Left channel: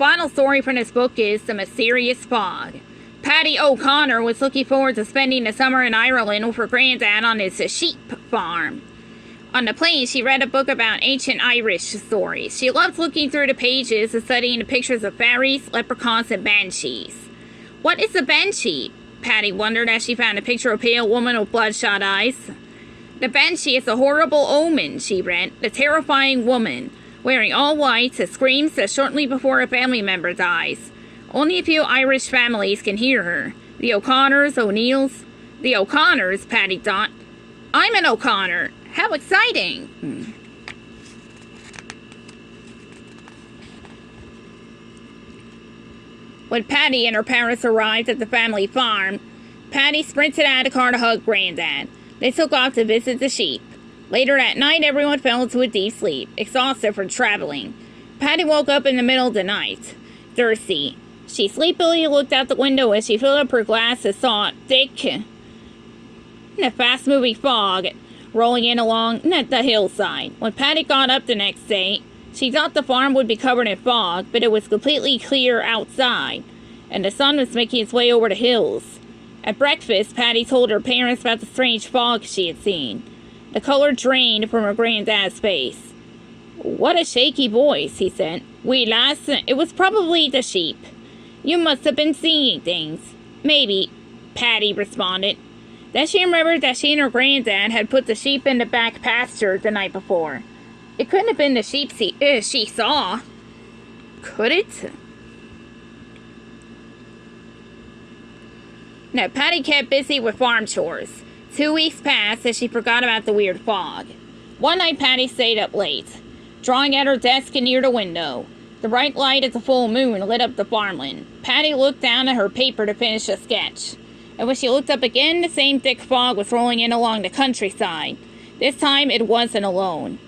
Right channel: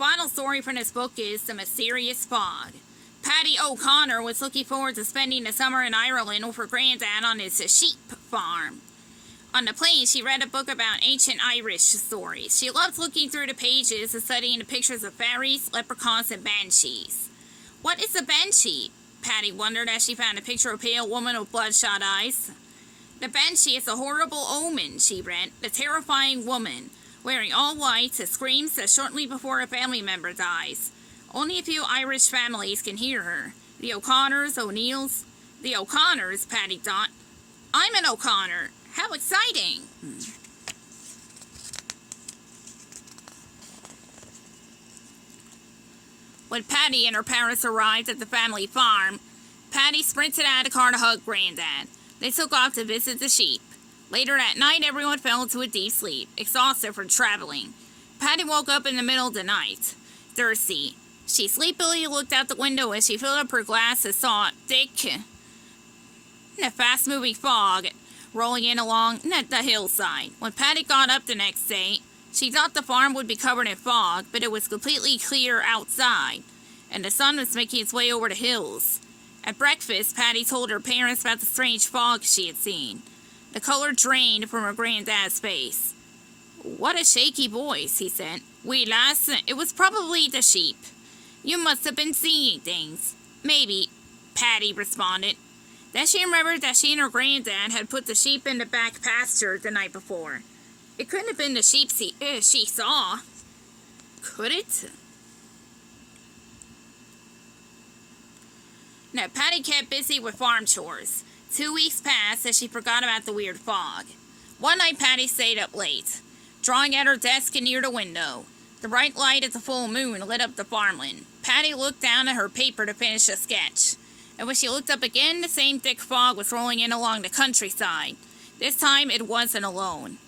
final story from this book is The Mysterious Fog. Paddy O'Connor was looking forward to spending the summer in Ireland with her granddad on his sheep farm. On the plane, she read a book about ancient Irish stories. She loved looking through the pages and studying the pictures of fairies, leprechauns, and banshees. What is a banshee? Paddy wondered as she found a picture of a pale woman with bloodshot eyes. The banshee is a horrible omen, she read. The terrifying woman, wearing all white, screams shortly before a family member dies. Only a few Irish families can hear her. The O'Connors, O'Neills. The O'Connors, Paddy thought. I'm an O'Connor. How exciting! When Paddy and her parents arrived at the family farm, Paddy sprinted out of the car to hug Granddad. They took off to visit the sheep. Later that night, everyone fell into a deep sleep, exhausted from traveling. Paddy woke up in the middle of the night, thirsty. She sleepily looked out the window as she filled up her glass and saw thick and a fast-moving fog rolling in along the hillside. When Paddy got up the next day, she thought the farm would be covered in fog, but it was completely clear outside, and the sun was making its way over the hills. At breakfast, Paddy told her parents about the strange fog she had seen. The color drained from her granddad's face. What a shaky voice, he said. "We lass, it was probably the sheep. You must have been seeing things." "Maybe," Paddy responded. Then she remembered that she and her granddad had put the sheep in the back pasture the night before. It couldn't have been the sheep she saw. Could it? No, Paddy kept busy with farm chores. 2 weeks passed as she forgot about the weird fog. One night Paddy stayed up late, drawing at her desk near the window. The bright light of the full moon lit up the farmland. Paddy looked down at her paper to finish a sketch. And when she looked up again, the same thick fog was rolling in along the countryside. This time it wasn't alone.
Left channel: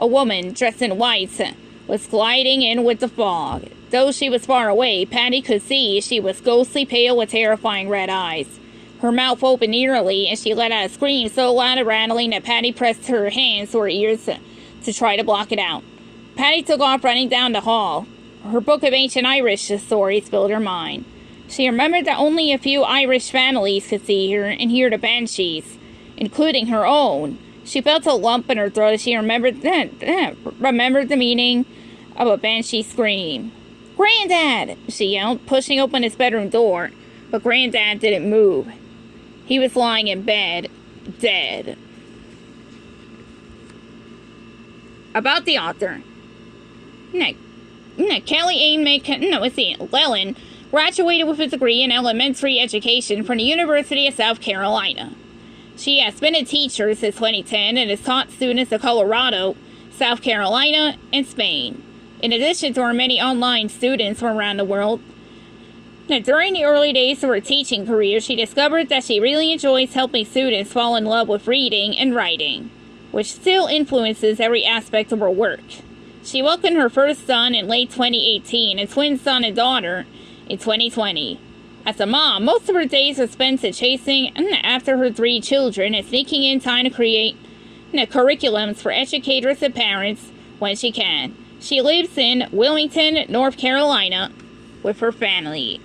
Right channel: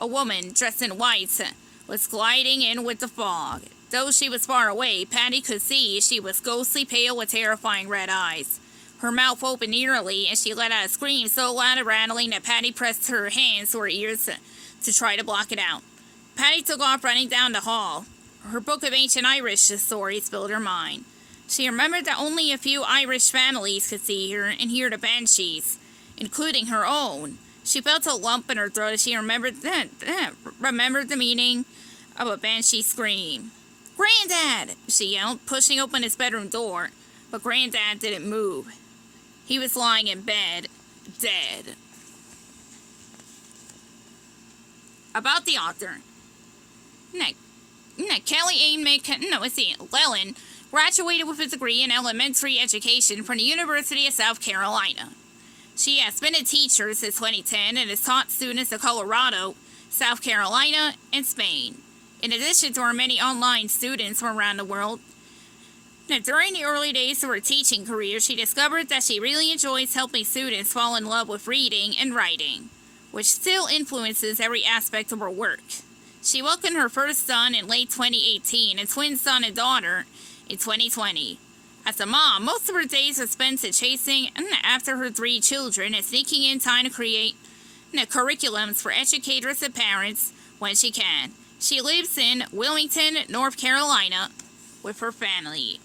A woman, dressed in white, was gliding in with the fog. Though she was far away, Paddy could see she was ghostly pale with terrifying red eyes. Her mouth opened eerily, and she let out a scream so loud and rattling that Paddy pressed her hands to her ears to try to block it out. Paddy took off running down the hall. Her book of ancient Irish stories filled her mind. She remembered that only a few Irish families could see her and hear the banshees, including her own. She felt a lump in her throat as she remembered the meaning of a banshee scream. "Granddad!" she yelled, pushing open his bedroom door, but Granddad didn't move. He was lying in bed, dead. About the author. Kelly Llewellyn graduated with a degree in elementary education from the University of South Carolina. She has been a teacher since 2010 and has taught students in Colorado, South Carolina, and Spain, in addition to her many online students from around the world. Now, during the early days of her teaching career, she discovered that she really enjoys helping students fall in love with reading and writing, which still influences every aspect of her work. She welcomed her first son in late 2018 and twin son and daughter in 2020. As a mom, most of her days are spent chasing after her 3 children and sneaking in time to create curriculums for educators and parents when she can. She lives in Wilmington, North Carolina, with her family.